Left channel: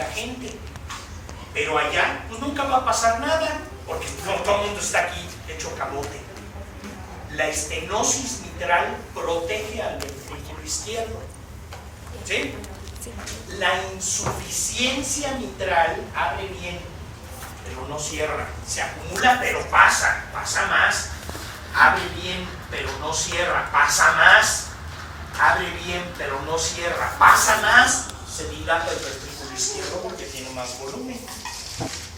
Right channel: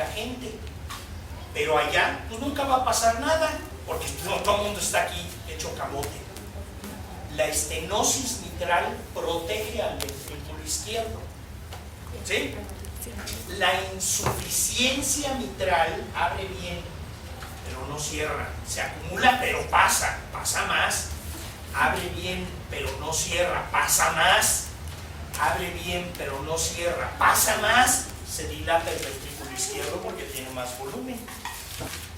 la gente. Pero allá, pues nunca va a pasar nada, porque no, todo el mundo está aquí hecho camote. La estenosis mitral protege al ventrículo izquierdo. ¿Sí? La insuficiencia mitral abre bien, pero no cierra. Se acumula, pero pasa más. Abre bien, pero no cierra. Pasa más. Abre bien, pero no cierra. Pasa más. Se dilata el ventrículo izquierdo porque tiene más volumen.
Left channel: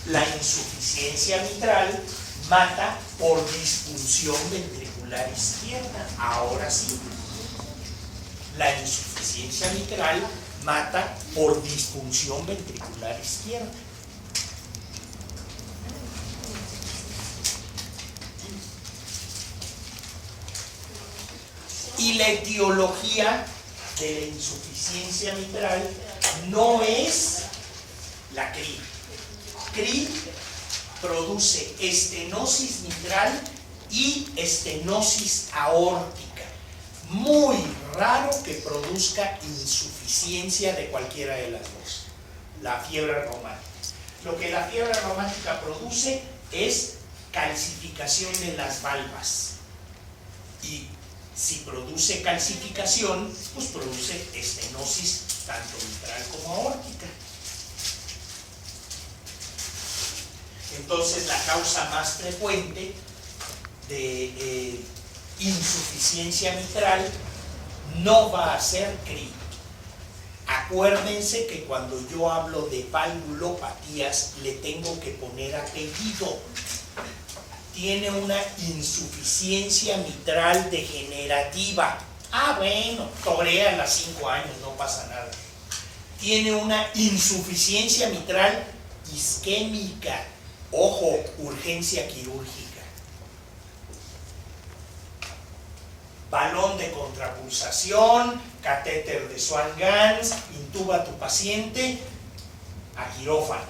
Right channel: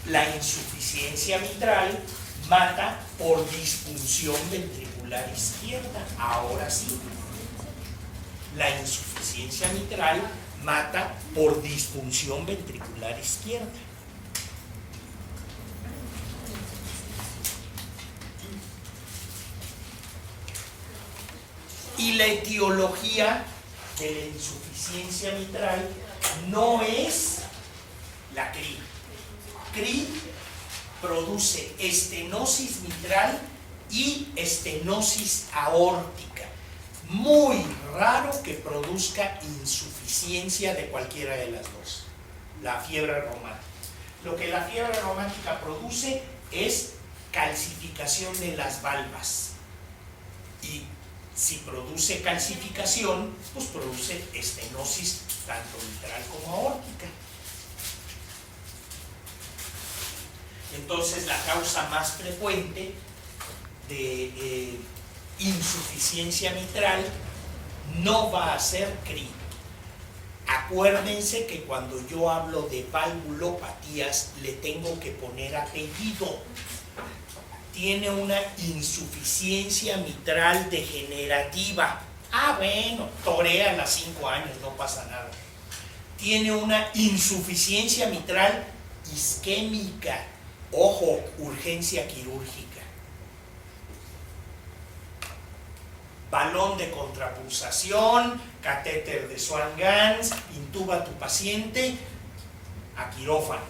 La insuficiencia mitral mata por disfunción ventricular izquierda. Ahora sí. La insuficiencia mitral mata por disfunción ventricular izquierda. Y la etiología de la insuficiencia mitral no es la CRI. CRI produce estenosis mitral y estenosis aórtica. Muy raro que produzca insuficiencia de cualquiera de las dos. La fiebre reumática. Lo que la fiebre reumática produce es calcificación de las valvas. Y si produce calcificación, pues produce estenosis tanto mitral como aórtica. Entonces, la causa más frecuente de insuficiencia mitral no va a ser CRI. Acuérdense que cuando yo hablo de valvulopatías le tengo que poner apellido. Tiene una insuficiencia mitral degenerativa. Ah, bueno, torea a los 5 años, no pasa nada. Tiene una insuficiencia mitral isquémica. Ojo, urgencia quirúrgica. Balón de contrapulsación, catéter de Swan-Ganz, intuba a tu paciente a quirófano.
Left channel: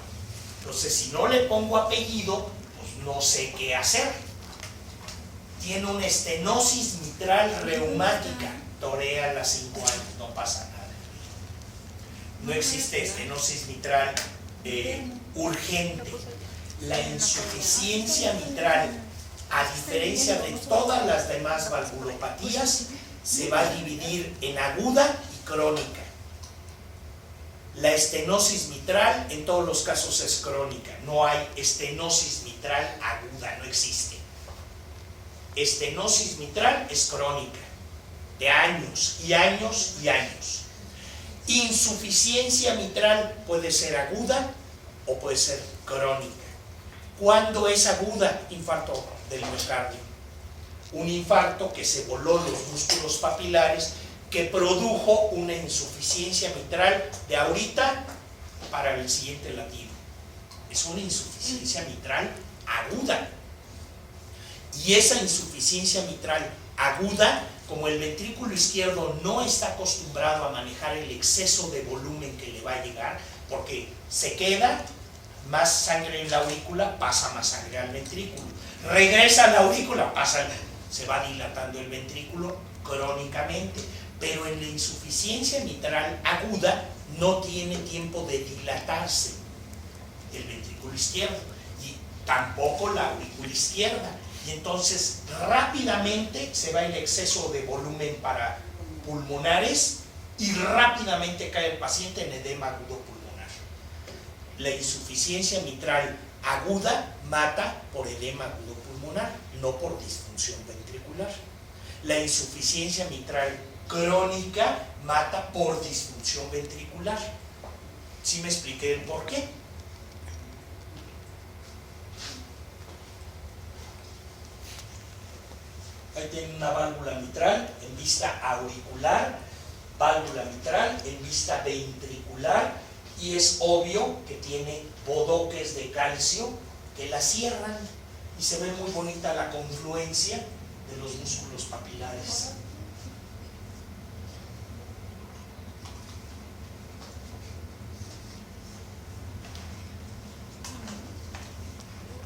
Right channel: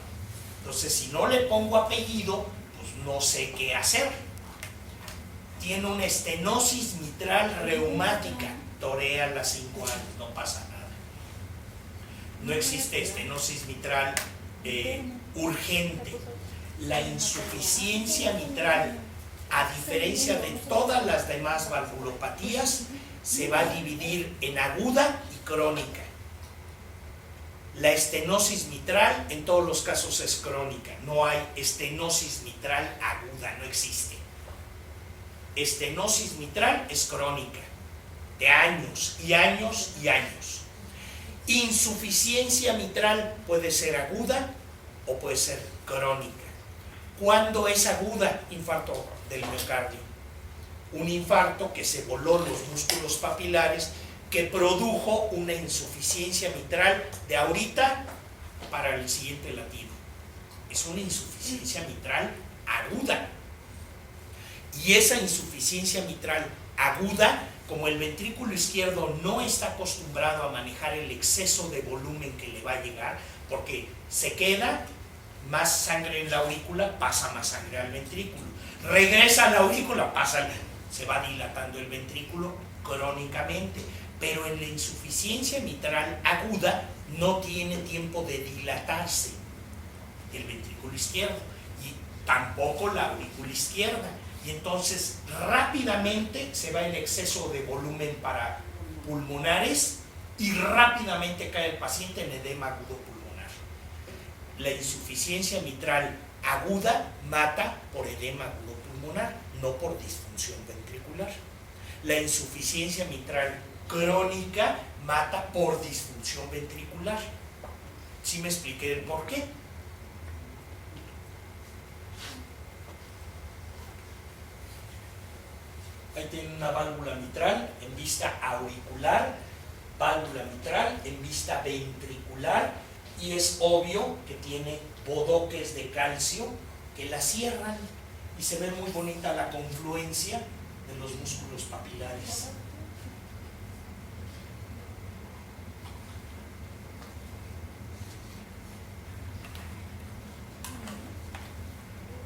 Entonces, si no le pongo apellido, pues no sé qué hacer. Tiene una estenosis mitral reumática, torea a los 5 años, no pasa nada. No existe estenosis mitral urgente. La insuficiencia mitral, a diferencia de todas las demás valvulopatías, se va a dividir en aguda y crónica. La estenosis mitral en todos los casos es crónica. No hay estenosis mitral aguda, no existe. Estenosis mitral es crónica, de años y años y años. Insuficiencia mitral puede ser aguda o puede ser crónica. ¿Cuándo es aguda? Infarto del miocardio. Un infarto que se voló los músculos papilares, que produjo una insuficiencia mitral de ahorita para el siguiente latido. Es una insuficiencia mitral aguda. Y esa insuficiencia mitral aguda, como el ventrículo izquierdo no está acostumbrado a manejar el exceso de volumen que le va a llegar, porque se queda más sangre en la aurícula, pasa más sangre al ventrículo. Regresa a la aurícula, se va dilatando el ventrículo crónicamente. Pero en la insuficiencia mitral aguda no tiene tiempo de dilatarse el ventrículo izquierdo y tampoco la aurícula izquierda. Y entonces rápidamente se va el exceso de volumen para pulmonares y rápidamente cae el paciente en edema agudo pulmonar. La insuficiencia mitral aguda mata por edema agudo pulmonar, no por disfunción ventricular. La insuficiencia mitral crónica mata por disfunción ventricular. ¿Sí me expliqué el por qué? Ahí tiene una válvula mitral en vista auricular, válvula mitral en vista ventricular, y es obvio que tiene bodoques de calcio que la cierran y se ve muy bonita la confluencia de los músculos papilares.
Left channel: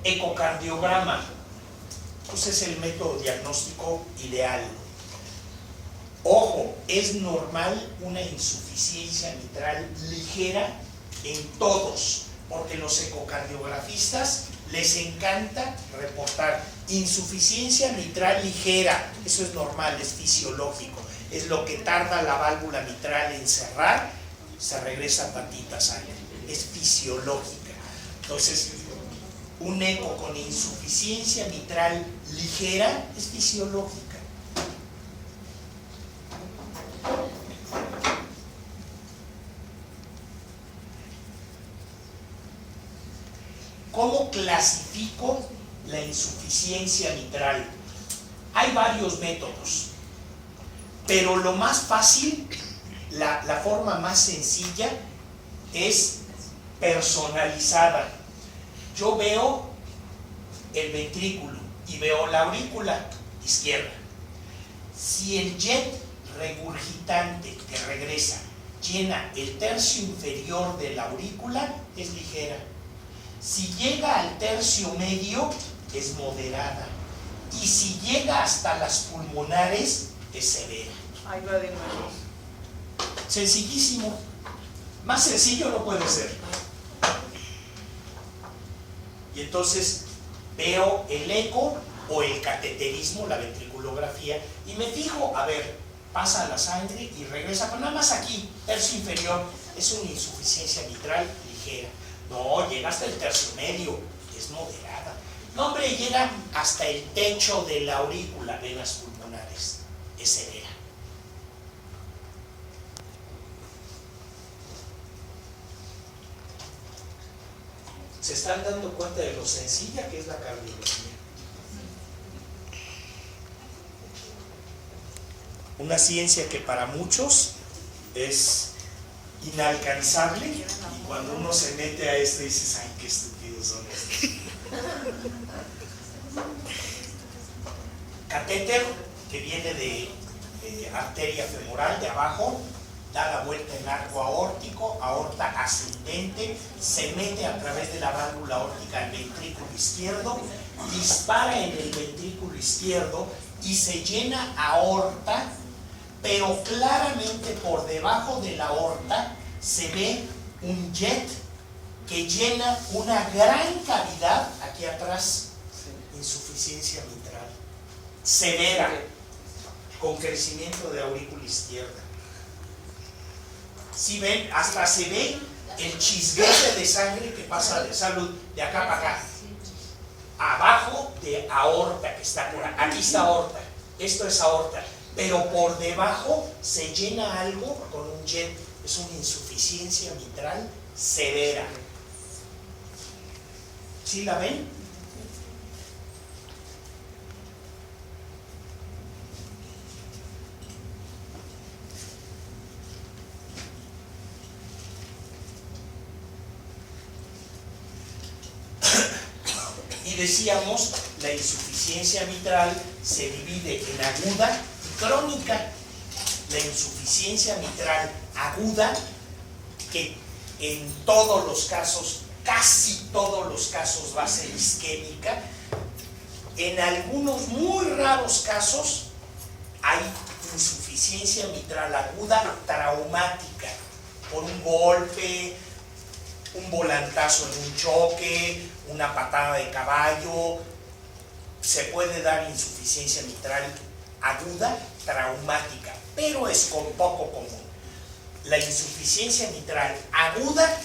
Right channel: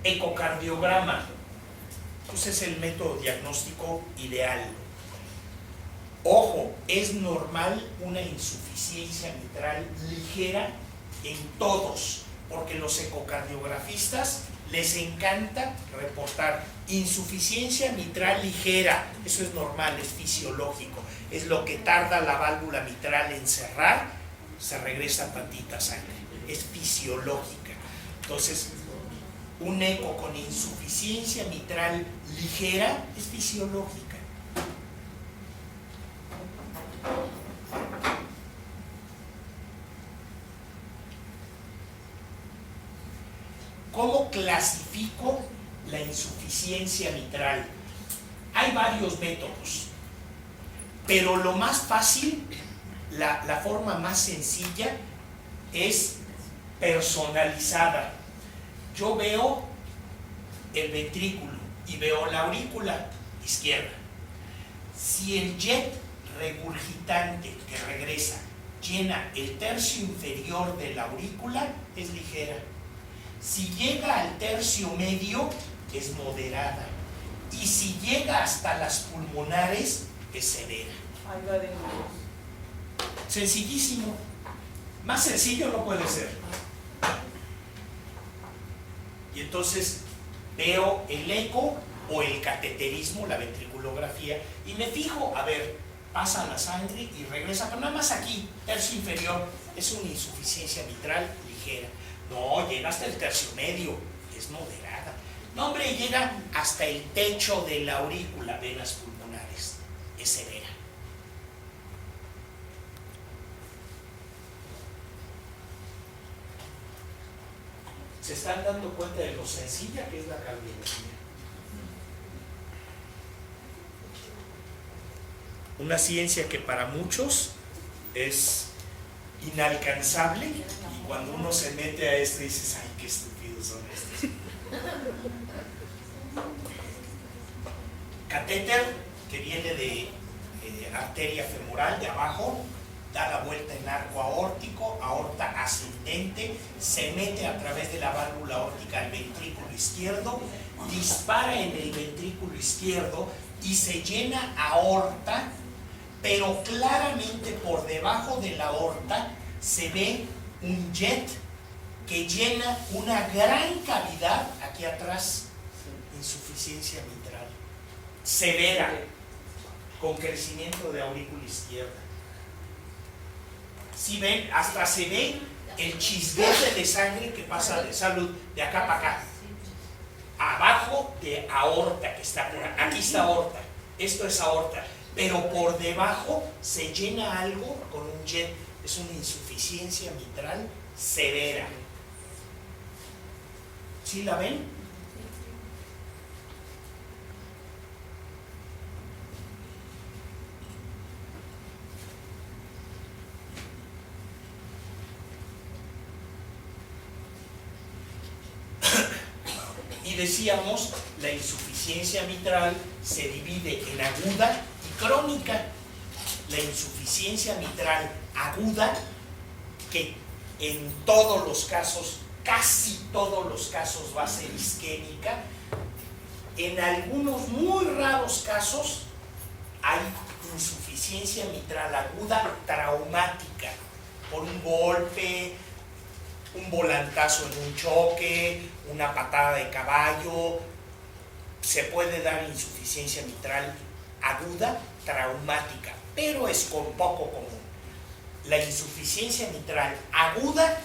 Ecocardiograma, pues es el método diagnóstico ideal. Ojo, es normal una insuficiencia mitral ligera en todos, porque los ecocardiografistas les encanta reportar insuficiencia mitral ligera. Eso es normal, es fisiológico, es lo que tarda la válvula mitral en cerrar, se regresa tantita sangre, es fisiológica. Entonces, un eco con insuficiencia mitral ligera es fisiológica. ¿Cómo clasifico la insuficiencia mitral? Hay varios métodos, pero lo más fácil, la forma más sencilla es personalizada. Yo veo el ventrículo y veo la aurícula izquierda. Si el jet regurgitante que regresa llena el tercio inferior de la aurícula, es ligera. Si llega al tercio medio, es moderada. Y si llega hasta las pulmonares, es severa. Sencillísimo. Más sencillo no puede ser. Y entonces veo el eco o el cateterismo, la ventriculografía, y me fijo, a ver, pasa la sangre y regresa, pero nada más aquí, tercio inferior, es una insuficiencia mitral ligera. No, llega hasta el tercio medio, es moderada. No, hombre, llega hasta el techo de la aurícula, venas pulmonares, es severa. ¿Se están dando cuenta de lo sencilla que es la cardiología? Una ciencia que para muchos es inalcanzable, y cuando uno se mete a esto dices, ay, qué estúpidos son estos. Catéter, que viene de arteria femoral de abajo, da la vuelta en arco aórtico, aorta ascendente, se mete a través de la válvula aórtica al ventrículo izquierdo, dispara en el ventrículo izquierdo y se llena aorta, pero claramente por debajo de la aorta se ve un jet que llena una gran cavidad aquí atrás, insuficiencia mitral severa, con crecimiento de aurícula izquierda. Si ven, hasta se ve el chisguete de sangre que pasa de salud de acá para acá, abajo de aorta que está por aquí. Aquí está aorta, esto es aorta, pero por debajo se llena algo con un jet. Es una insuficiencia mitral severa. ¿Sí la ven? Y decíamos, la insuficiencia mitral se divide en aguda y crónica. La insuficiencia mitral aguda, que en todos los casos, casi todos los casos va a ser isquémica. En algunos muy raros casos hay insuficiencia mitral aguda traumática por un golpe, un volantazo en un choque, una patada de caballo. Se puede dar insuficiencia mitral aguda traumática, pero es poco común. La insuficiencia mitral aguda,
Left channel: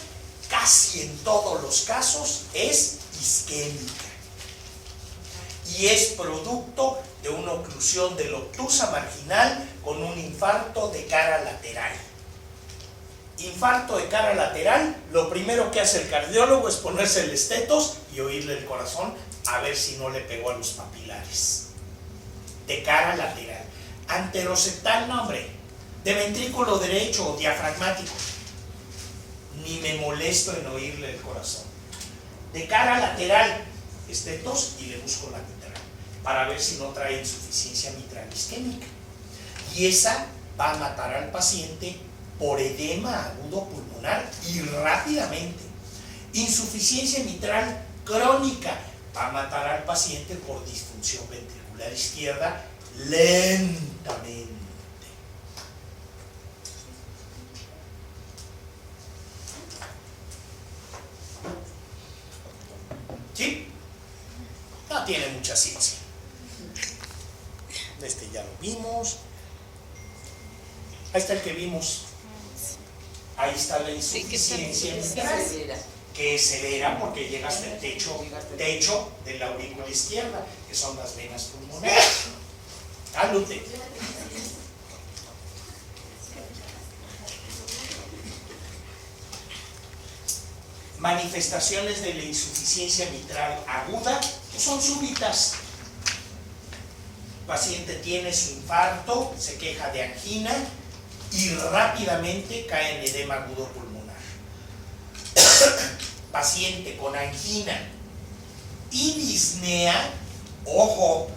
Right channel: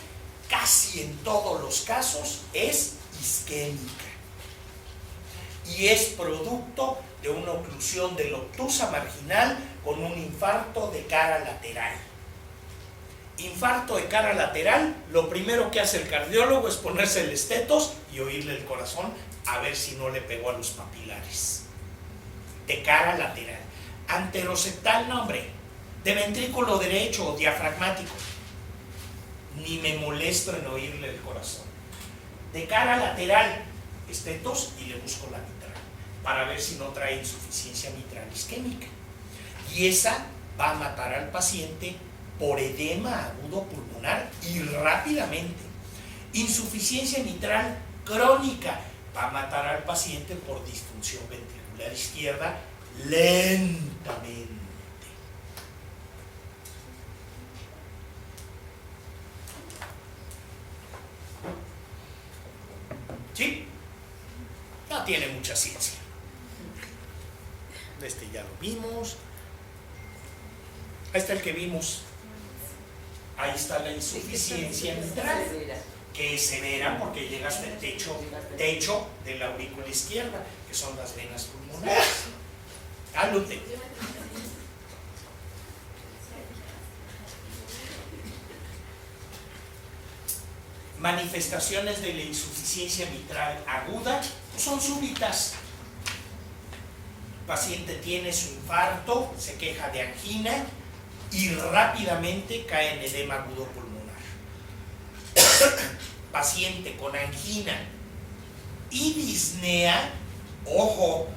casi en todos los casos, es isquémica y es producto de una oclusión de la obtusa marginal con un infarto de cara lateral. Infarto de cara lateral, lo primero que hace el cardiólogo es ponerse el estetos y oírle el corazón a ver si no le pegó a los papilares. De cara lateral. Anteroseptal, no, hombre, de ventrículo derecho o diafragmático, ni me molesto en oírle el corazón. De cara lateral, estetos y le busco la mitral para ver si no trae insuficiencia mitral isquémica, y esa va a matar al paciente por edema agudo pulmonar y rápidamente. Insuficiencia mitral crónica va a matar al paciente por disfunción ventricular izquierda lentamente. ¿Sí? No tiene mucha ciencia. Este ya lo vimos. Ahí está el que vimos. Ahí está la insuficiencia mitral, que es severa porque llega hasta el techo de la aurícula izquierda, que son las venas pulmonares. Cálute. Manifestaciones de la insuficiencia mitral aguda son súbitas. El paciente tiene su infarto, se queja de angina y rápidamente cae en edema agudo pulmonar. Paciente con angina y disnea, ojo,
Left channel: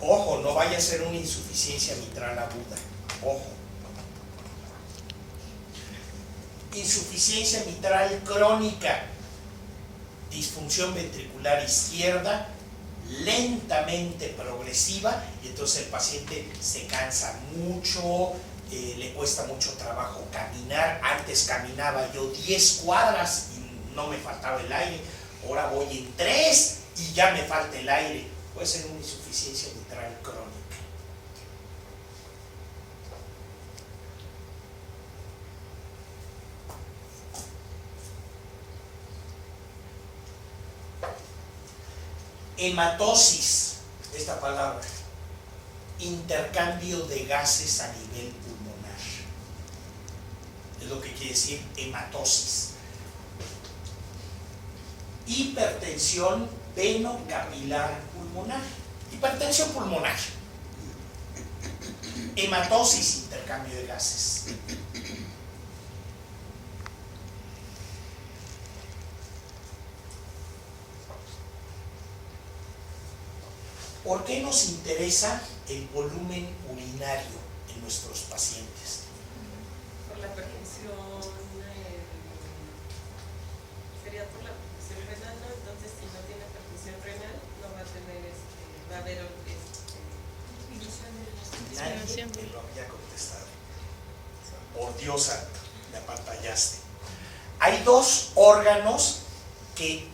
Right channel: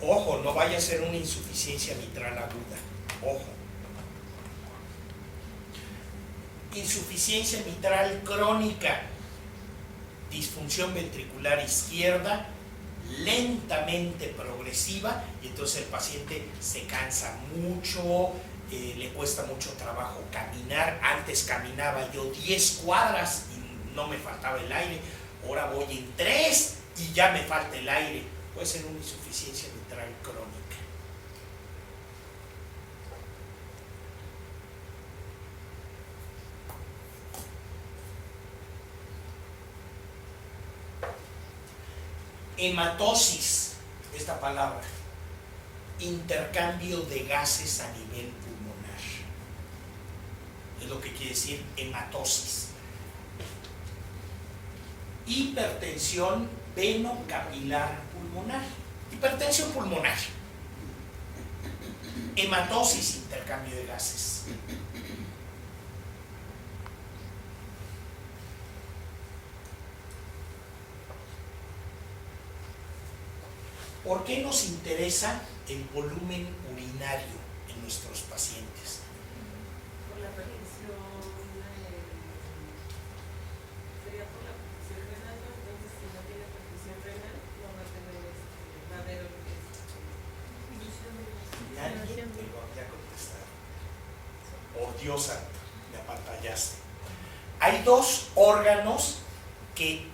ojo, no vaya a ser una insuficiencia mitral aguda, ojo. Insuficiencia mitral crónica, disfunción ventricular izquierda, lentamente progresiva, y entonces el paciente se cansa mucho, le cuesta mucho trabajo caminar. Antes caminaba yo 10 cuadras y no me faltaba el aire, ahora voy en 3 y ya me falta el aire. Puede ser una insuficiencia mitral crónica. Hematosis, esta palabra, intercambio de gases a nivel pulmonar, es lo que quiere decir hematosis. Hipertensión venocapilar pulmonar, hipertensión pulmonar, hematosis, intercambio de gases. ¿Por qué nos interesa el volumen urinario en nuestros pacientes? Por la perfusión, sería por la perfusión renal, ¿no? Entonces si no tiene perfusión renal, no va a tener, va a haber Nadie me lo había contestado. Por Dios santo, me apantallaste. Hay dos órganos que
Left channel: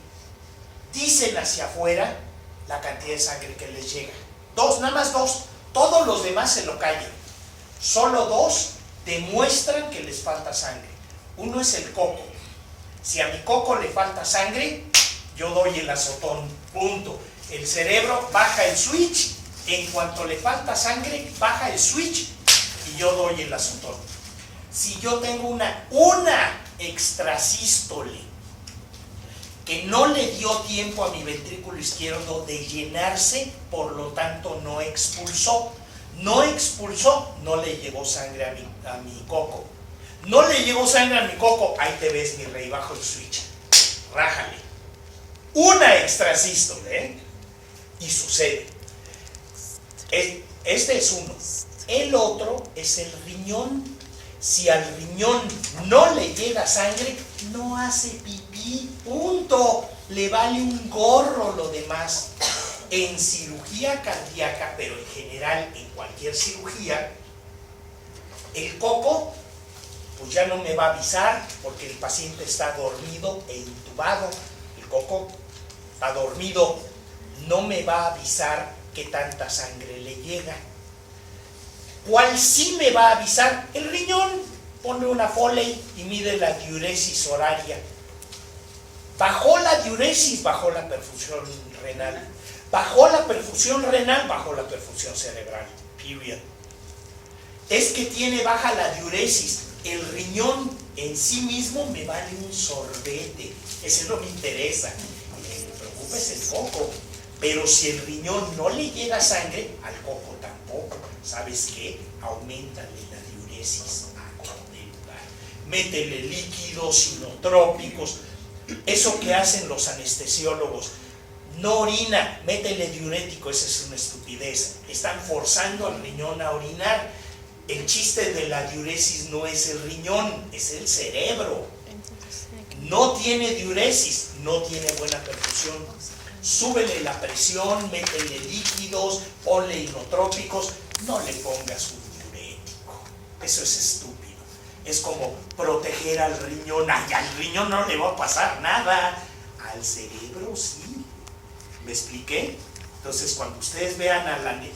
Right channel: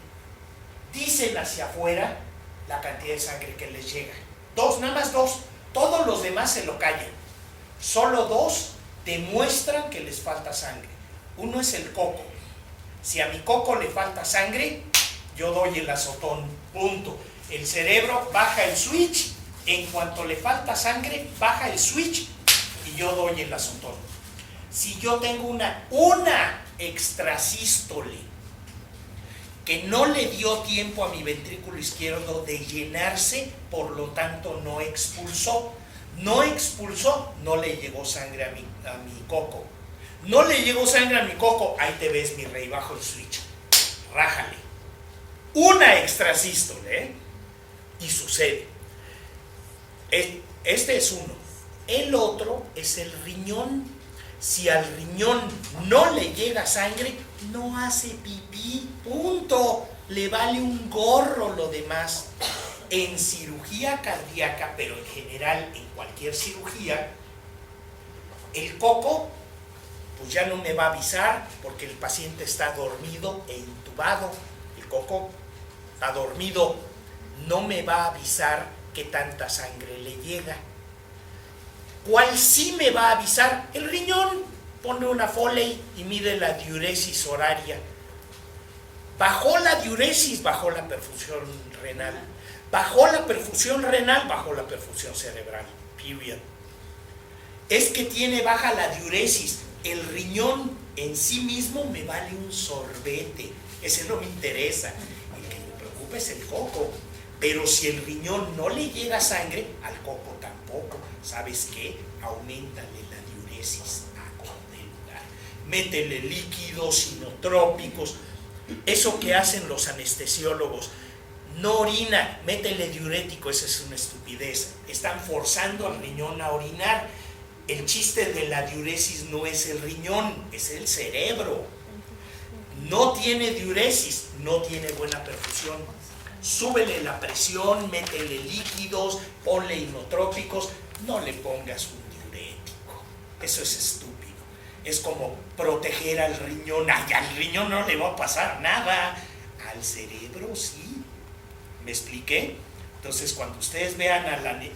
dicen hacia afuera la cantidad de sangre que les llega. Dos, nada más dos. Todos los demás se lo callan. Solo dos demuestran que les falta sangre. Uno es el coco. Si a mi coco le falta sangre, yo doy el azotón. Punto. El cerebro baja el switch. En cuanto le falta sangre, baja el switch y yo doy el azotón. Si yo tengo una extrasístole que no le dio tiempo a mi ventrículo izquierdo de llenarse, por lo tanto no expulsó, no le llegó sangre a mi coco. No le llegó sangre a mi coco, ahí te ves, mi rey, bajo el switch. Rájale. Una extrasístole, y sucede. Este es uno. El otro es el riñón. Si al riñón no le llega sangre, no hace pipí, punto. Le vale un gorro lo demás. En cirugía cardíaca, pero en general en cualquier cirugía, el coco pues ya no me va a avisar porque el paciente está dormido e intubado. El coco está dormido, no me va a avisar qué tanta sangre le llega. ¿Cuál sí me va a avisar? El riñón. Pone una Foley y mide la diuresis horaria. Bajó la diuresis, bajó la perfusión renal. Bajó la perfusión renal, bajó la perfusión cerebral. Period. Es que tiene baja la diuresis. El riñón en sí mismo me vale un sorbete. Ese no me interesa. El que me preocupa es el coco. Pero si el riñón no le llega sangre, al coco tampoco. ¿Sabes qué? Auméntale la diuresis a todo lugar. Métele líquidos inotrópicos. Eso que hacen los anestesiólogos. No orina, métele diurético. Esa es una estupidez. Están forzando al riñón a orinar. El chiste de la diuresis no es el riñón, es el cerebro. No tiene diuresis, no tiene buena perfusión. Súbele la presión, métele líquidos, ponle inotrópicos, no le pongas un diurético. Eso es estúpido. Es como proteger al riñón. Ay, al riñón no le va a pasar nada. al cerebro, sí. ¿Me expliqué? Entonces, cuando ustedes vean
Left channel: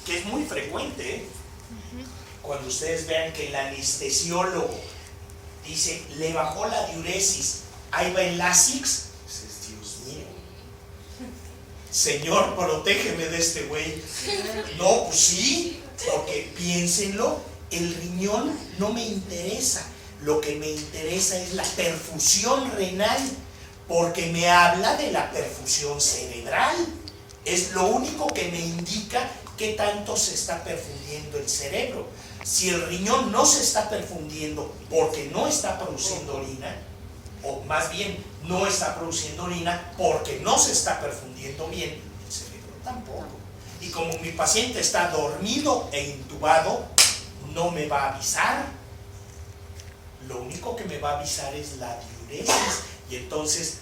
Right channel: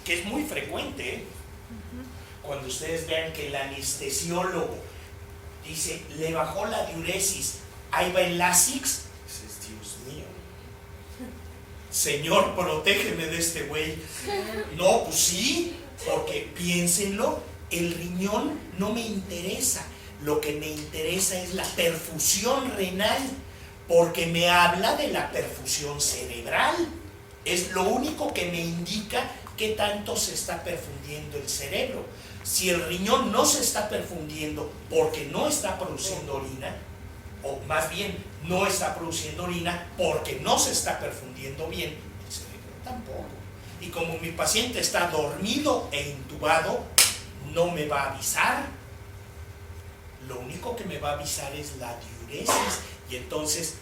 que es muy frecuente, ¿eh? Cuando ustedes vean que el anestesiólogo dice, le bajó la diuresis, ahí va el Lasix, dices, Dios mío, Señor, protégeme de este güey. No, pues sí, porque piénsenlo, el riñón no me interesa, lo que me interesa es la perfusión renal, porque me habla de la perfusión cerebral. Es lo único que me indica qué tanto se está perfundiendo el cerebro. Si el riñón no se está perfundiendo porque no está produciendo orina, o más bien no está produciendo orina porque no se está perfundiendo bien, el cerebro tampoco. Y como mi paciente está dormido e intubado, no me va a avisar. Lo único que me va a avisar es la diuresis. Y entonces,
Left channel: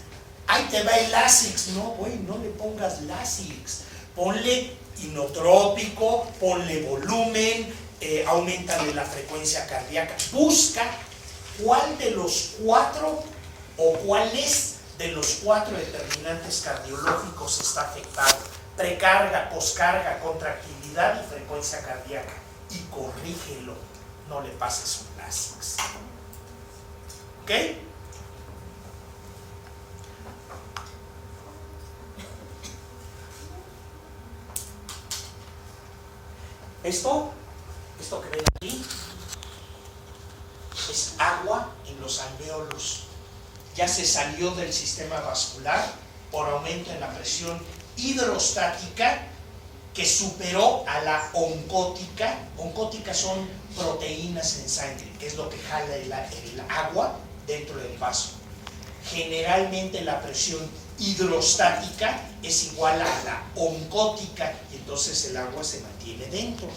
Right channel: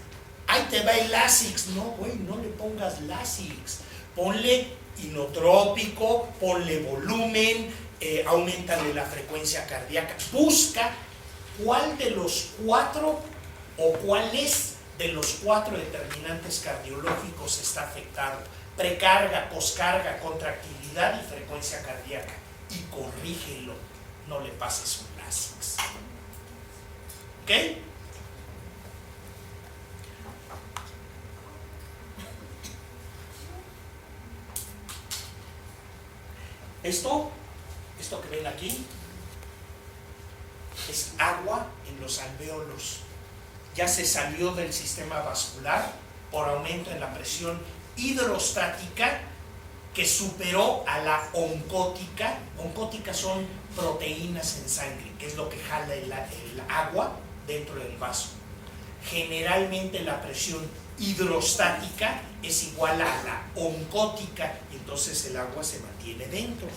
ahí te va el Lasix. No, güey, no le pongas Lasix. Ponle inotrópico, ponle volumen, aumentale la frecuencia cardíaca. Busca cuál de los 4 o cuáles de los 4 determinantes cardiológicos está afectado. Precarga, poscarga, contractilidad y frecuencia cardíaca. Y corrígelo. No le pases un Lasix. ¿Ok? Esto que ven aquí es agua en los alvéolos. Ya se salió del sistema vascular por aumento en la presión hidrostática que superó a la oncótica. Oncóticas son proteínas en sangre, que es lo que jala el agua dentro del vaso. Generalmente la presión hidrostática es igual a la oncótica y entonces el agua se mantiene dentro.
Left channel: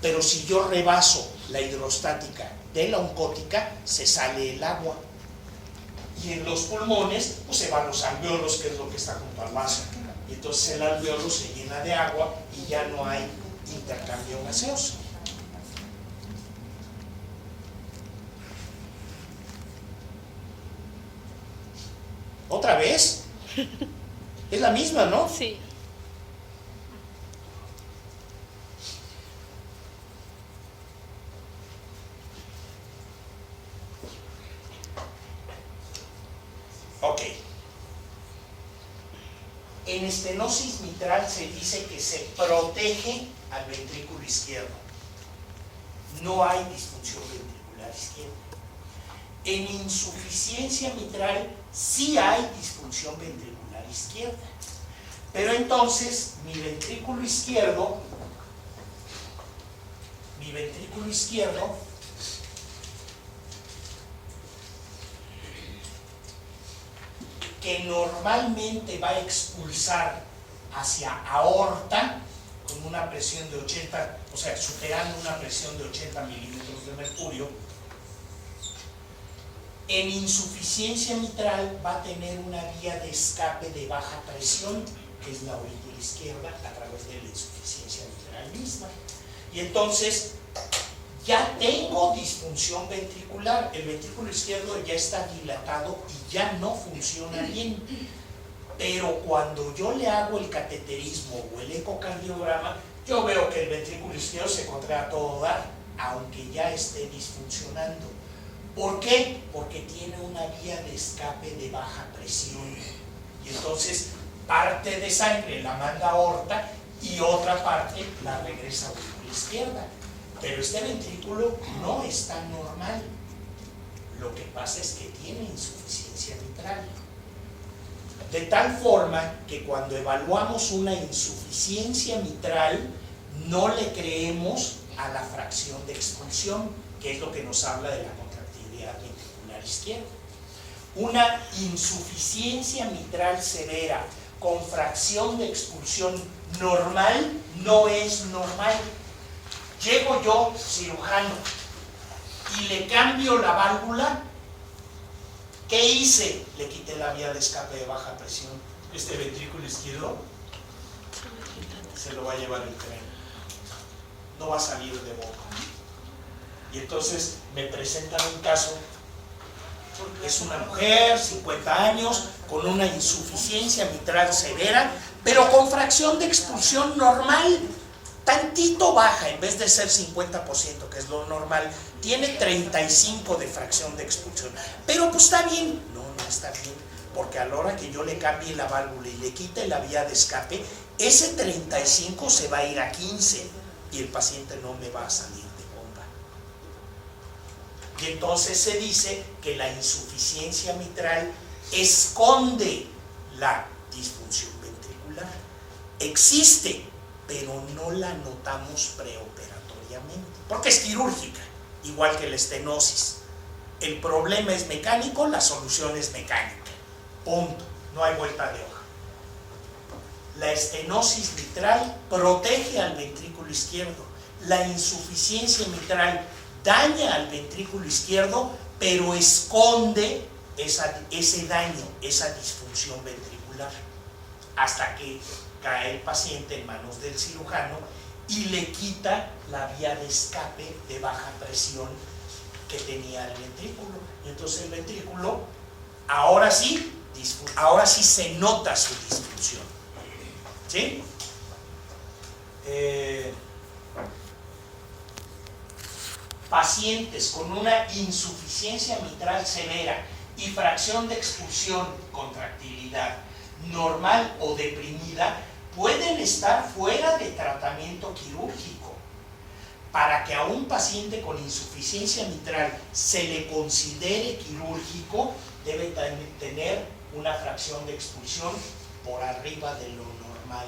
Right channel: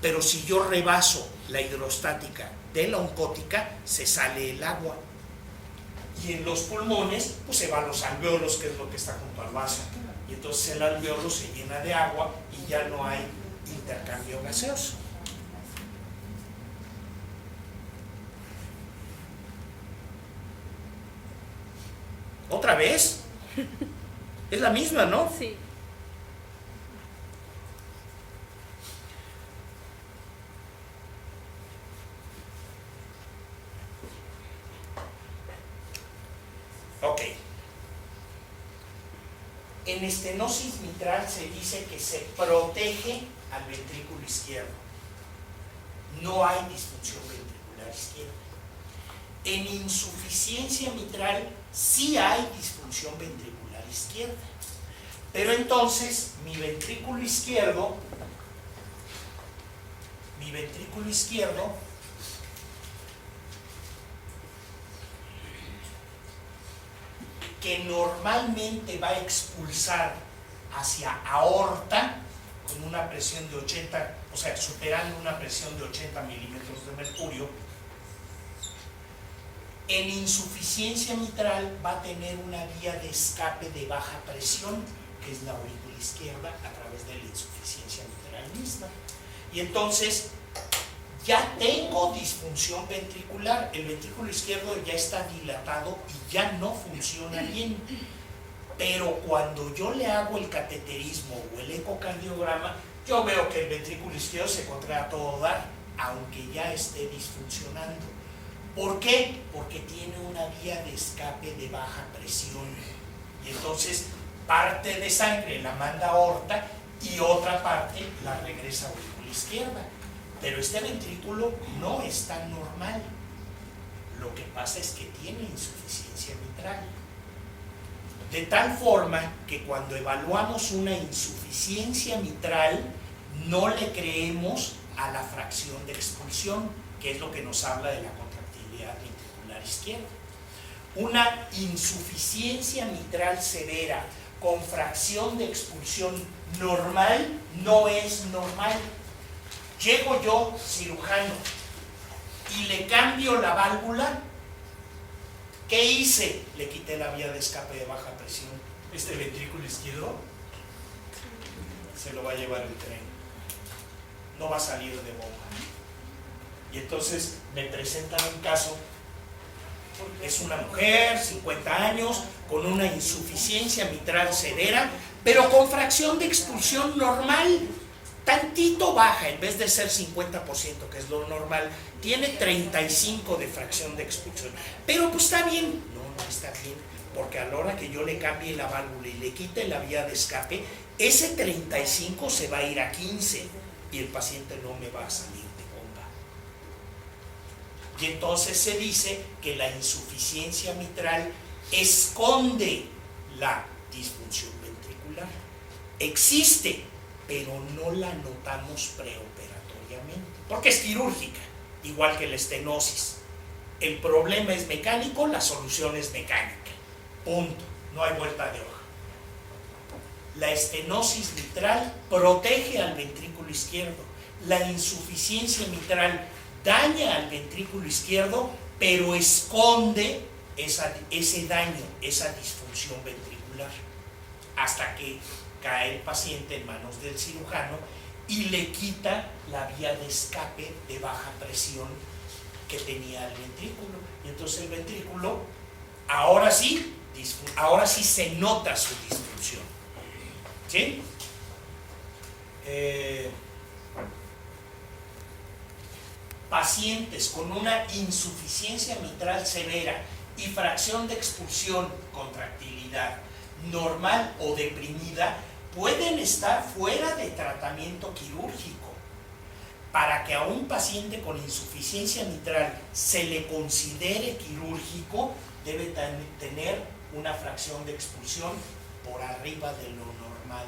Pero si yo rebaso la hidrostática de la oncótica, se sale el agua. Y en los pulmones, pues se van los alvéolos, que es lo que está junto al vaso. Y entonces el alvéolo se llena de agua y ya no hay intercambio gaseoso. ¿Otra vez? Es la misma, ¿no? Sí. Ok. En estenosis mitral se dice que se protege al ventrículo izquierdo. No hay disfunción ventricular izquierda. En insuficiencia mitral sí hay disfunción ventricular izquierda. Pero entonces mi ventrículo izquierdo que normalmente va a expulsar hacia aorta con una presión de 80, o sea, superando una presión de 80 milímetros de mercurio, en insuficiencia mitral va a tener una vía de escape de baja presión, que es la aurícula izquierda, a través de la insuficiencia mitral misma. Y entonces ya tengo disfunción ventricular, el ventrículo izquierdo ya está dilatado y ya no funciona bien. Pero cuando yo le hago el cateterismo o el ecocardiograma, yo veo que el ventrículo izquierdo se contrae a todo dar, aunque ya esté disfuncionando. ¿Por qué? Porque tiene una vía de escape de baja presión. Y entonces parte de sangre la manda a aorta y otra parte la regresa a la aurícula izquierda. Pero este ventrículo no está normal. Lo que pasa es que tiene insuficiencia mitral. De tal forma que cuando evaluamos una insuficiencia mitral, no le creemos a la fracción de expulsión, que es lo que nos habla de la contractilidad ventricular izquierda. Una insuficiencia mitral severa con fracción de expulsión normal no es normal. Llego yo, cirujano, y le cambio la válvula. ¿Qué hice? Le quité la vía de escape de baja presión. Este ventrículo izquierdo se lo va a llevar el tren. No va a salir de boca. Y entonces me presentan un caso Es una mujer, 50 años, con una insuficiencia mitral severa, pero con fracción de expulsión normal, tantito baja, en vez de ser 50%, que es lo normal, tiene 35 de fracción de expulsión. Pero pues está bien. No está bien, porque a la hora que yo le cambie la válvula y le quite la vía de escape, ese 35 se va a ir a 15 y el paciente no me va a salir de bomba. Y entonces se dice que la insuficiencia mitral esconde la disfunción ventricular. Existe, pero no la notamos preoperatoriamente, porque es quirúrgica, igual que la estenosis. El problema es mecánico, la solución es mecánica. Punto. No hay vuelta de hoja. La estenosis mitral protege al ventrículo izquierdo. La insuficiencia mitral daña al ventrículo izquierdo, pero esconde ese daño, esa disfunción ventricular, hasta que cae el paciente en manos del cirujano y le quita la vía de escape de baja presión que tenía el ventrículo. Y entonces el ventrículo, ahora sí se nota su disfunción. ¿Sí? Pacientes con una insuficiencia mitral severa y fracción de expulsión, contractilidad normal o deprimida, pueden estar fuera de tratamiento quirúrgico. Para que a un paciente con insuficiencia mitral se le considere quirúrgico, debe tener una fracción de expulsión por arriba de lo normal.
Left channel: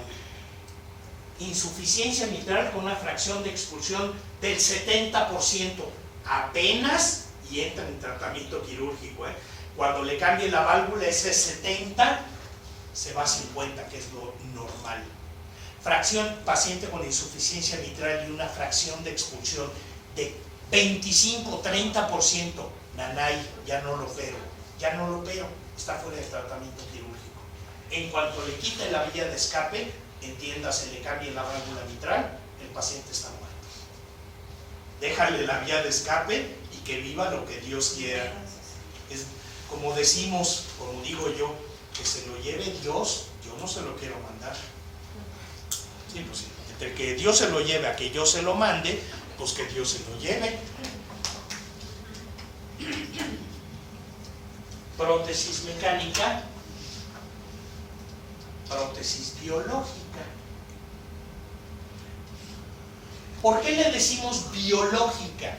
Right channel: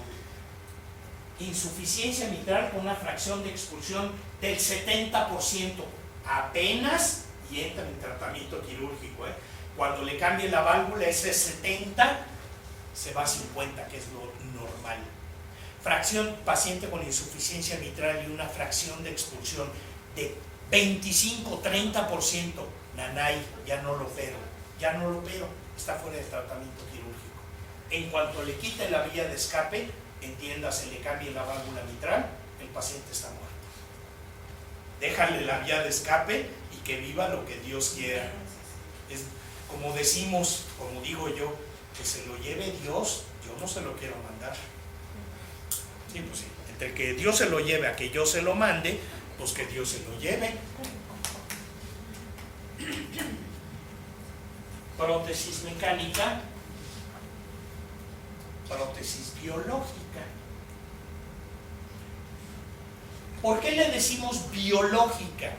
Insuficiencia mitral con una fracción de expulsión del 70%, apenas, y entra en tratamiento quirúrgico. Cuando le cambie la válvula, ese 70 se va a 50, que es lo normal. Fracción, paciente con insuficiencia mitral y una fracción de expulsión de 25-30%, nanay, ya no lo opero, está fuera del tratamiento quirúrgico. En cuanto le quite la vía de escape, entiéndase, le cambie la válvula mitral, el paciente está muerto. Déjale la vía de escape y que viva lo que Dios quiera. Es como decimos, como digo yo, que se lo lleve Dios, yo no se lo quiero mandar. Sí, pues sí. Entre que Dios se lo lleve a que yo se lo mande, pues que Dios se lo lleve. Prótesis mecánica, prótesis biológica. ¿Por qué le decimos biológica?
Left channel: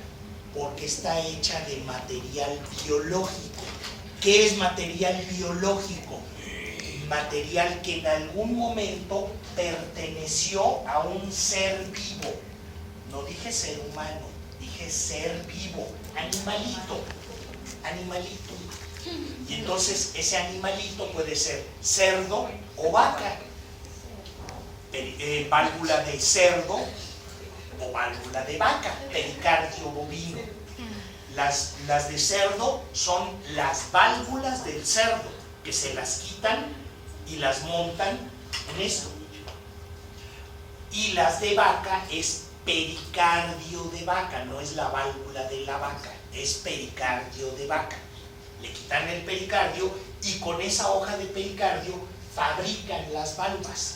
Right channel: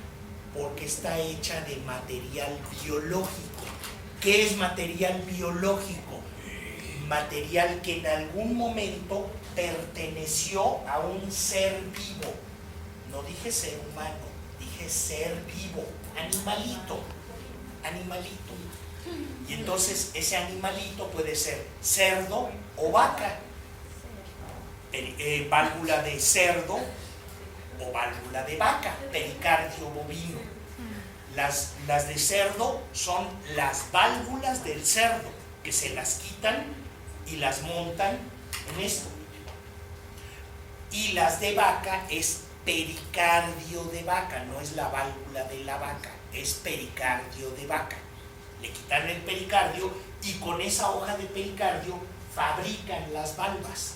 Porque está hecha de material biológico. ¿Qué es material biológico? Material que en algún momento perteneció a un ser vivo. No dije ser humano, dije ser vivo, animalito. Y entonces ese animalito puede ser cerdo o vaca, válvula de cerdo o válvula de vaca, pericardio bovino. Las de cerdo son las válvulas del cerdo, que se las quitan y las montan en esto. Y las de vaca es pericardio de vaca, no es la válvula de la vaca, es pericardio de vaca. Le quitan el pericardio y con esa hoja de pericardio fabrican las valvas.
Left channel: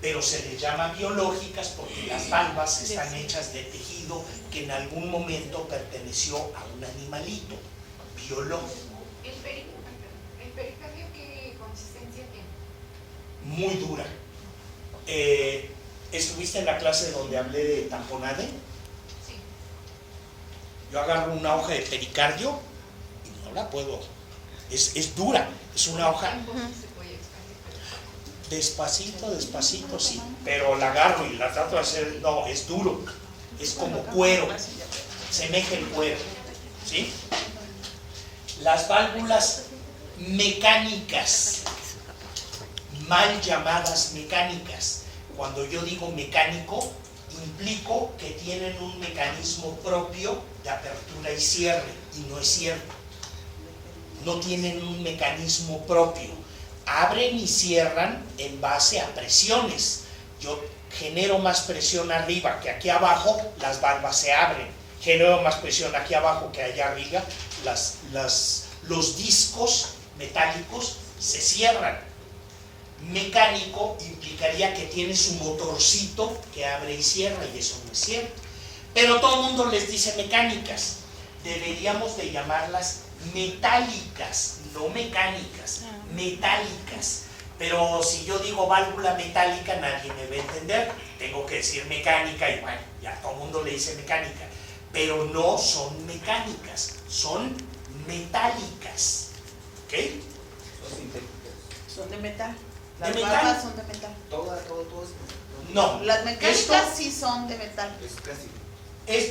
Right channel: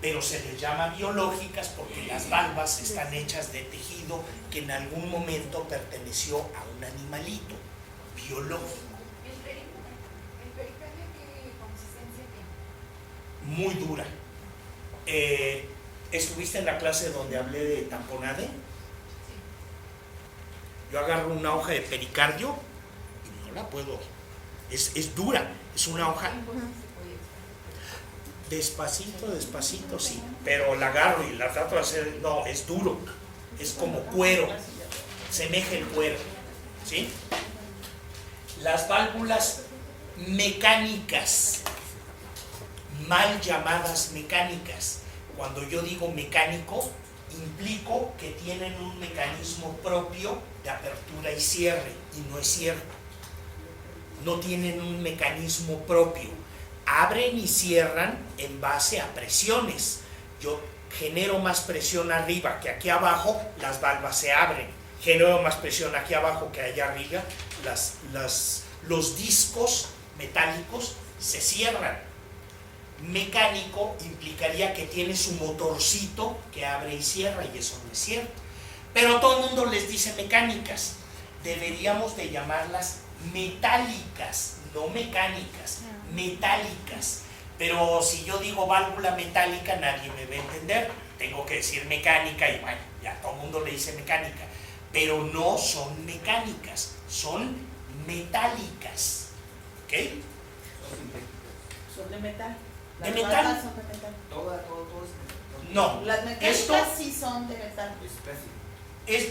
Pero se les llama biológicas porque las valvas están hechas de tejido que en algún momento perteneció a un animalito biológico. ¿El pericardio qué consistencia tiene? Muy dura. ¿Estuviste en la clase donde hablé de tamponade? Sí. Yo agarro una hoja de pericardio y no la puedo. Es dura, es una hoja. Despacito, sí, pero la agarro y la trato de hacer, no, es duro, es como cuero, semeja el cuero, ¿sí? Las válvulas mecánicas, mal llamadas mecánicas, cuando yo digo mecánico, implico que tienen un mecanismo propio de apertura y cierre, y no es cierto, no tienen un mecanismo propio. Abren y cierran en base a presiones. Yo genero más presión arriba que aquí abajo, las valvas se abren. Genero más presión aquí abajo que allá arriba, las los discos metálicos se cierran. Mecánico implicaría que tiene su motorcito que abre y cierra, y eso no es cierto. Pero todo el mundo les dice mecánicas. Deberíamos de llamarlas metálicas, no mecánicas, metálicas. Pero si yo digo válvula metálica, nadie me va a entender. Tengo que decir mecánica y bueno, ya todo el mundo le dice mecánica. Pero no son mecánicas, son metálicas. ¿Ok? Son de metal. ¿De Las metal? válvulas son de metal. Todo No. Las mecánicas Esto sí son de metal.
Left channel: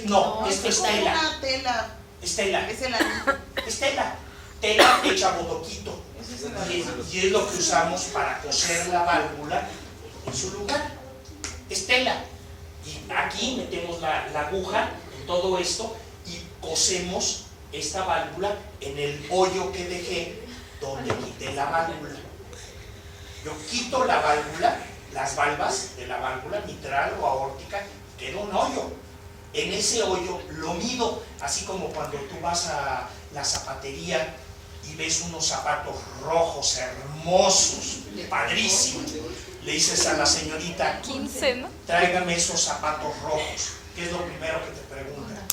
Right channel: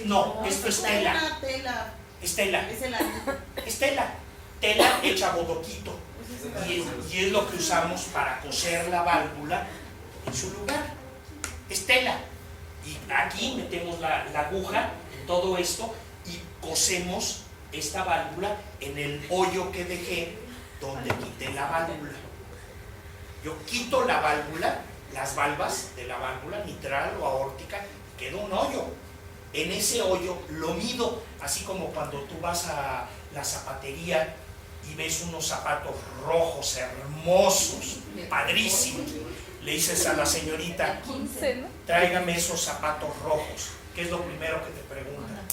no, esto es como tela. una tela. Es tela. Es el anillo. Es tela. Tela hecha bodoquito. Ese es el anillo. Y es lo que usamos para coser la válvula en su lugar. Es tela. Y aquí metemos la aguja en todo esto y cosemos esta válvula en el hoyo que dejé donde quité la válvula. Yo quito la válvula, las valvas de la válvula mitral o aórtica, queda un hoyo. En ese hoyo lo mido, así como cuando tú vas a la zapatería y ves unos zapatos rojos, hermosos, padrísimos. Le dices a la señorita, 15, ¿no? tráigame esos zapatos rojos. ¿Qué es lo primero que te pregunta?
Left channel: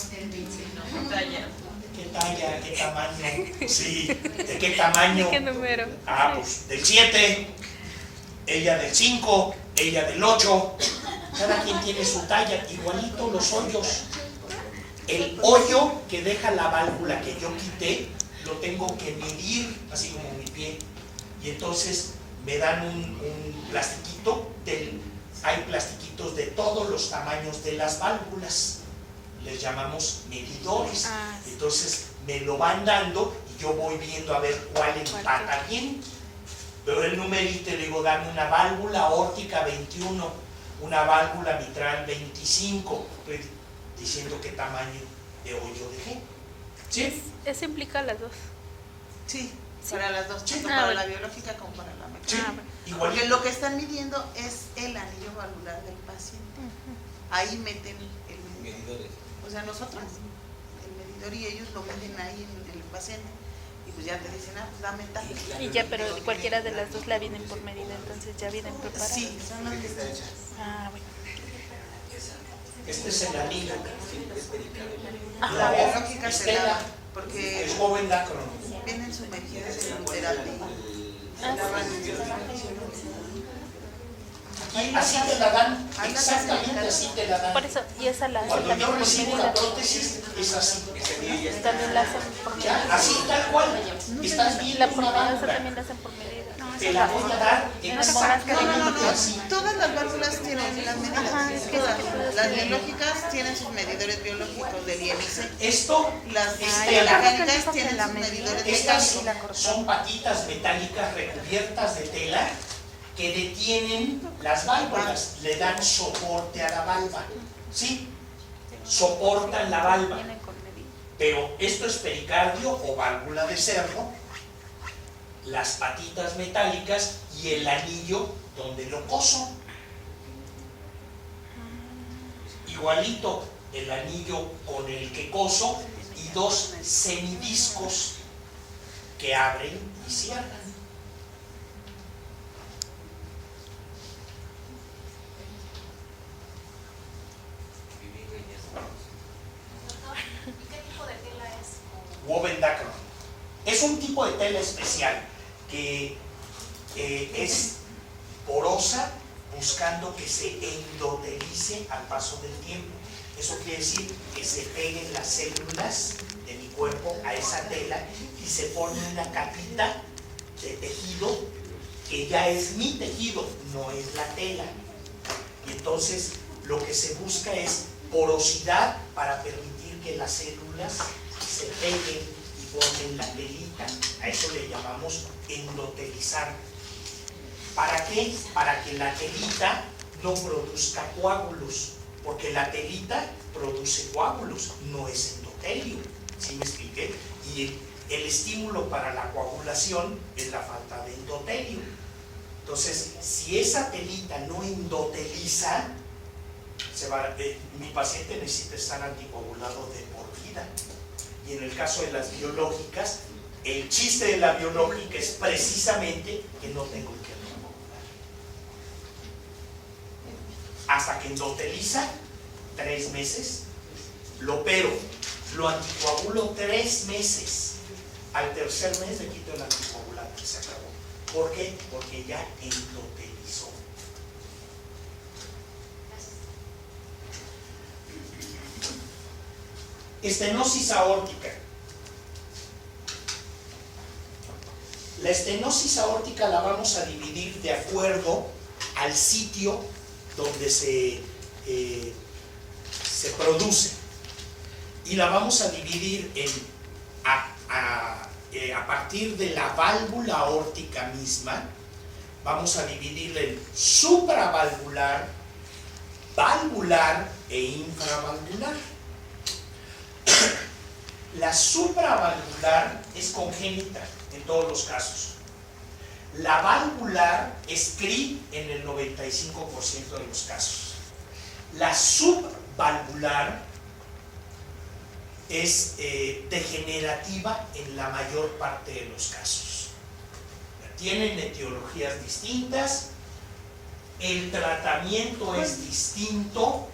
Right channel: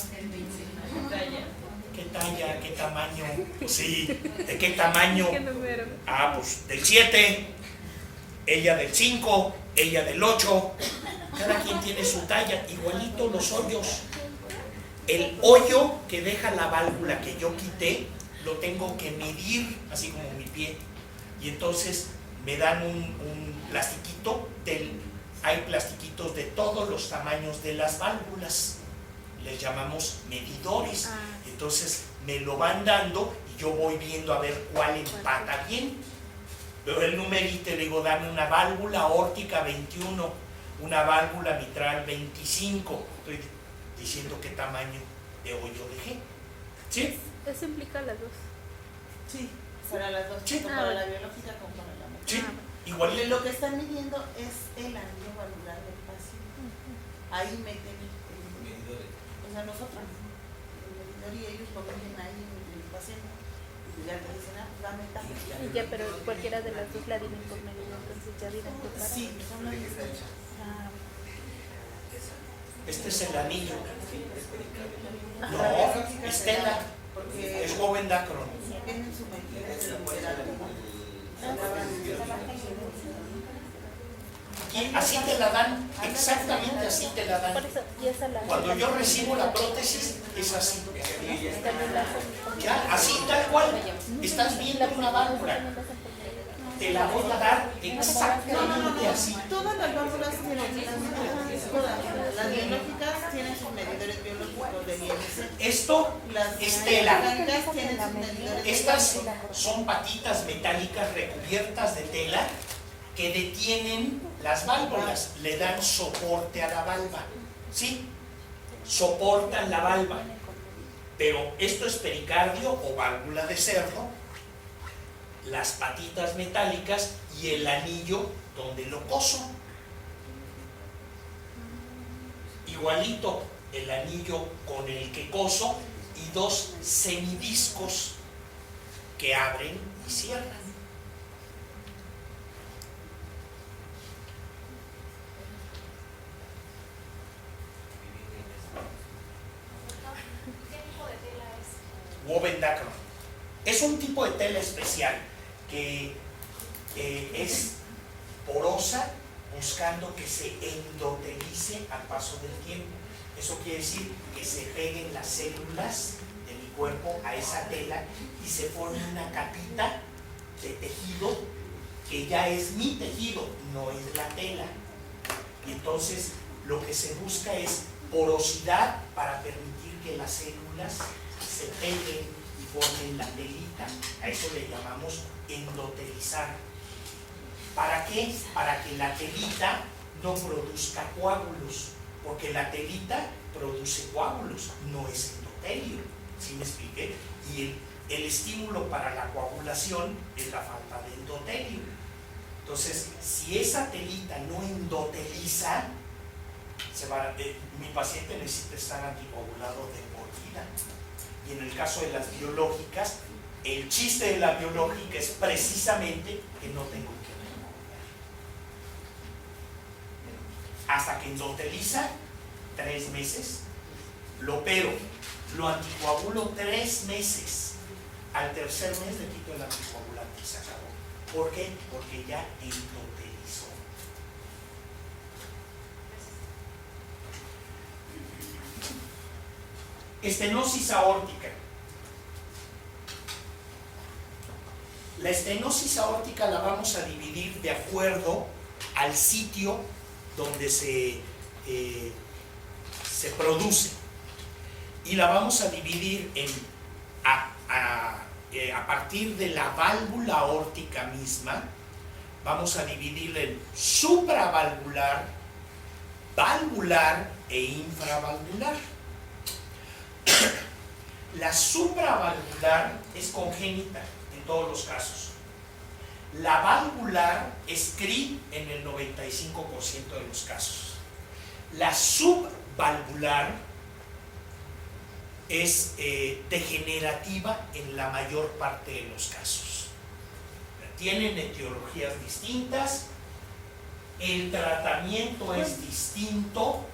Talla. ¿Qué talla? ¿Qué tamaño? Sí, ¿de qué tamaño? ¿Qué número? Ah, pues del 7, ella del 5, ella del 8. Cada quien tiene su talla, igualito los hoyos. El hoyo que deja la válvula que yo quité, lo tengo que medir, así como mi pie. Y entonces me dan un plastiquito, hay plastiquitos de todos los tamaños de las válvulas. Les llamamos medidores. Entonces me lo van dando y yo voy viendo a ver cuál empata bien. Veo el numerito y le digo, dame una válvula aórtica 21, una válvula mitral 25. Estoy diciendo qué tamaño de hoyo dejé. ¿Sí? Eso implica las dos. Sí, para las dos, Sí. tanto Ah, para bueno. la biológica como para la mecánica. Sí, bueno. igualito. Porque lo que están midiendo es el anillo valvular del paciente. Ahí meten el medidor. O sea, nosotros, el medidor, y ellos lo meten ahí en el paciente. Y pues ya te dicen, ah, pues dame tal. Y ya, pero cualquiera de las dos la vienen por medida, entonces ya vienen preparadas. Sí, son las mismas. Ah, bueno. Este es el anillo. La biológica es se tela, da, porque es joven dacron. vienen sumergidas en un terapia. Y así te la dan, exactamente así te la Por dan. eso, y esa la Cuando yo recibo la prótesis, es así. también la hacen por Ya, medida. así tal cual. Estás viendo La una pormedosa válvula. también la hacen por medida. Te la voy a dar exactamente así. Todas las válvulas tienen las medidas. Todas. Las biológicas tienen sus medidores biológicos del IMC. Esto Las es tela. mecánicas tienen sus medidores Estas mecánicos. son patitas metálicas recubiertas de tela que detienen las válvulas, le dan soporte a la válvula. ¿Sí? Soportan la válvula. Vienen con medida. Pero esto es pericardio o válvula de cerro, las patitas metálicas y el anillo donde lo coso. Igualito el anillo con el que coso y dos semidiscos que abren y cierran. ¿Y qué tipo de tela es? Woven Dacron. Es un tipo de tela especial que es porosa, buscando que se endotelice al paso del tiempo. Eso quiere decir que se peguen las células de mi cuerpo a esa tela y se forme una capita de tejido que ya es mi tejido, no es la tela. Y entonces lo que se busca es porosidad para permitir que las células se peguen y formen la telita. A eso le llamamos endotelizar. ¿Para qué? Para que la telita no produzca coágulos, porque la telita produce coágulos, no es endotelio. ¿Sí me expliqué? Y el estímulo para la coagulación es la falta de endotelio. Entonces, si esa telita no endoteliza, mi paciente necesita estar anticoagulado de por vida. Y en el caso de las biológicas, El chiste de la biológica es precisamente que no tengo que anticoagular. Hasta que endoteliza, 3 meses, lo opero, lo anticoagulo 3 meses. Al tercer mes le quito el anticoagulante y se acabó. ¿Por qué? Porque ya endotelizó. Estenosis aórtica. La estenosis aórtica la vamos a dividir de acuerdo al sitio donde se produce. Y la vamos a dividir a partir de la válvula aórtica misma, vamos a dividirla en supravalvular, valvular e infravalvular. La supravalvular es congénita en todos los casos. La valvular es CRI en el 95% de los casos. La subvalvular es degenerativa en la mayor parte de los casos. Tienen etiologías distintas, el tratamiento es distinto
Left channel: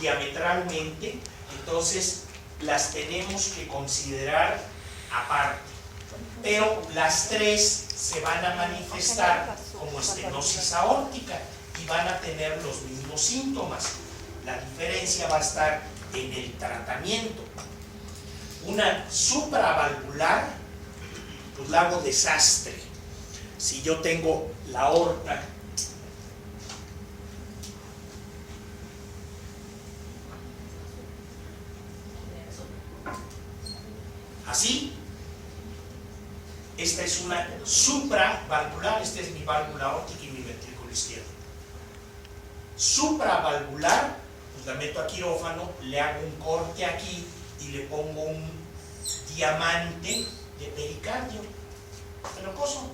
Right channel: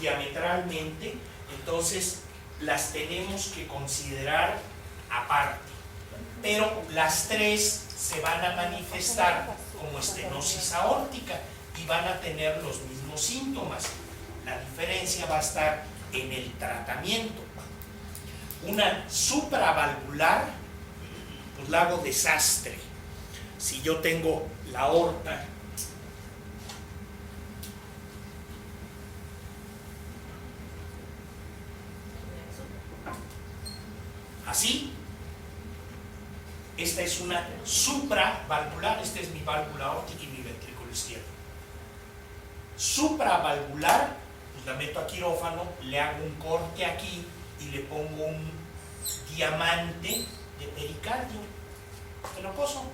diametralmente, entonces las tenemos que considerar aparte. Pero las tres se van a manifestar como estenosis aórtica y van a tener los mismos síntomas. La diferencia va a estar en el tratamiento. Una supravalvular, pues la hago desastre. Si yo tengo la aorta así, esta es una supravalvular, esta es mi válvula aórtica y mi ventrículo izquierdo. Supravalvular, pues la meto a quirófano, le hago un corte aquí y le pongo un diamante de pericardio, te lo coso.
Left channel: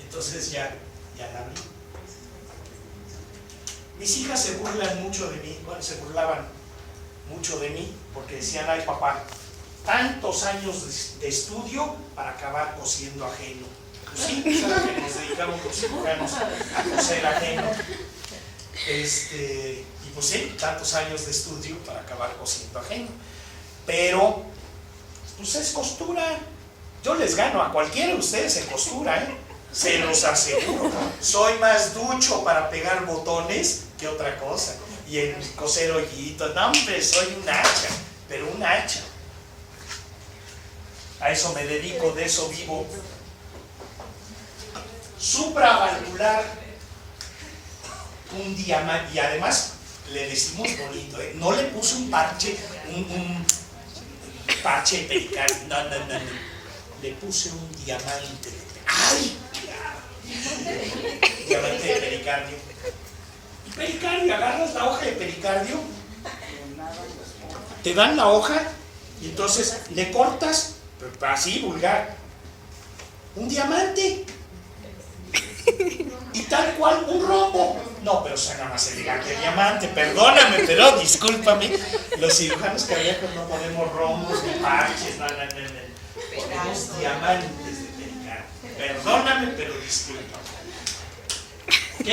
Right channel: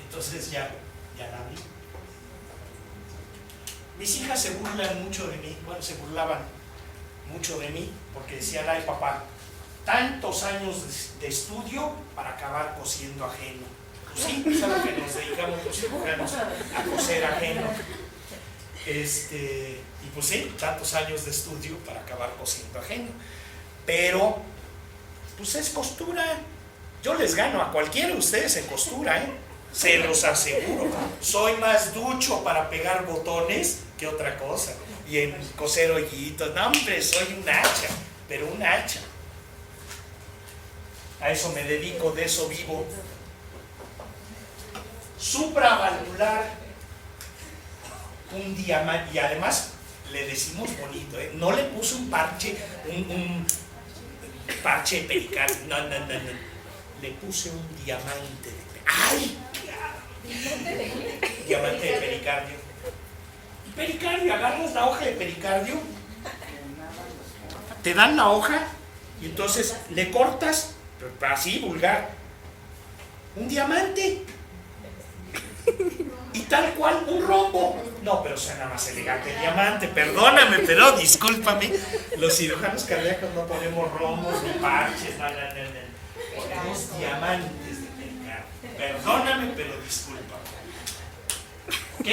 Entonces ya la abrí. Mis hijas se burlan mucho de mí, bueno, se burlaban mucho de mí porque decían, ay papá, tantos años de estudio para acabar cosiendo ajeno. Pues sí, saben que nos dedicamos los ciudadanos a coser ajeno. Y pues sí, tantos años de estudio para acabar cosiendo ajeno. Pero, pues es costura. Yo les gano a cualquiera de ustedes en costura, se los aseguro. Soy más ducho para pegar botones que otra cosa. Y en coser hoyitos, no hombre, soy un hacha, pero un hacha. A eso me dedico, de eso vivo. Supravalvular, un diamante, y además le decimos bonito, no le puse un parche, un parche de pericardio, no, le puse un diamante de ¡ay! Diamante de pericardio. Y pericardio, agarras la hoja de pericardio, te dan la hoja y entonces le cortas, así vulgar, un diamante y tal cual un rombo. No, pero suena más elegante el diamante, perdóname, pero discúlpame, los cirujanos cardíacos no ponemos rombos ni parches, no. Ponemos diamantes de pericardio. Perdóname, pero discúlpame. ¿Ok?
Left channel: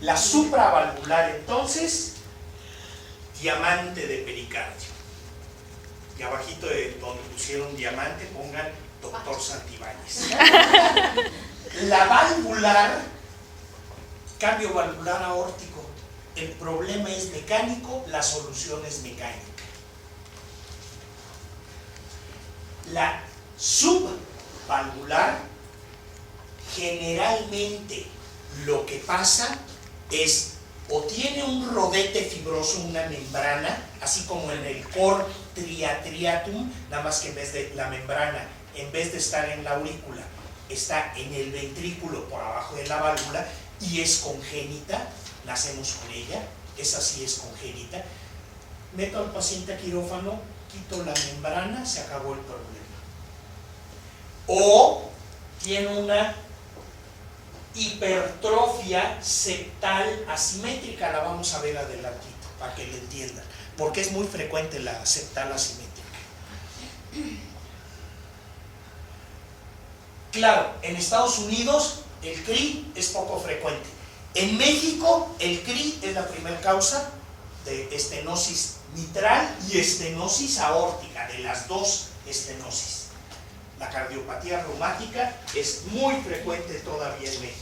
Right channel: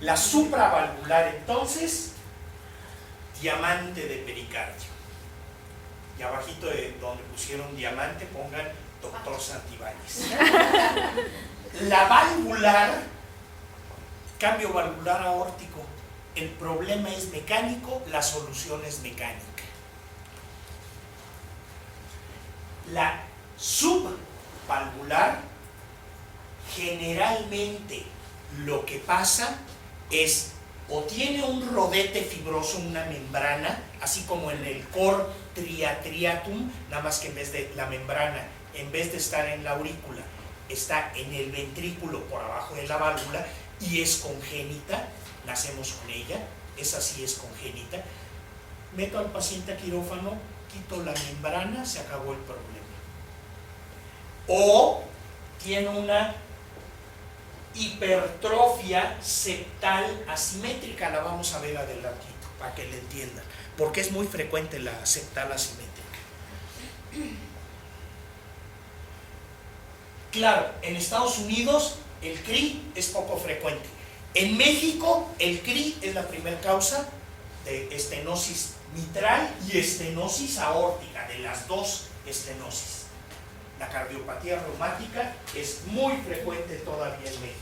La supravalvular entonces, diamante de pericardio. Y abajito de donde pusieron diamante pongan Doctor Santibáñez. La valvular, cambio valvular aórtico. El problema es mecánico, la solución es mecánica. La subvalvular, generalmente lo que pasa es o tiene un rodete fibroso, una membrana, así como en el cor triatriatum, nada más que en vez de la membrana, en vez de estar en la aurícula, está en el ventrículo por abajo de la válvula y es congénita, nacemos con ella, esa sí es congénita. Meto al paciente a quirófano, quito la membrana, se acabó el problema. O tiene una hipertrofia septal asimétrica, la vamos a ver adelantito para que le entiendan, porque es muy frecuente la septal asimétrica. Claro, en Estados Unidos el CRI es poco frecuente. En México el CRI es la primera causa de estenosis mitral y estenosis aórtica, de las dos estenosis. La cardiopatía reumática es muy frecuente todavía en México.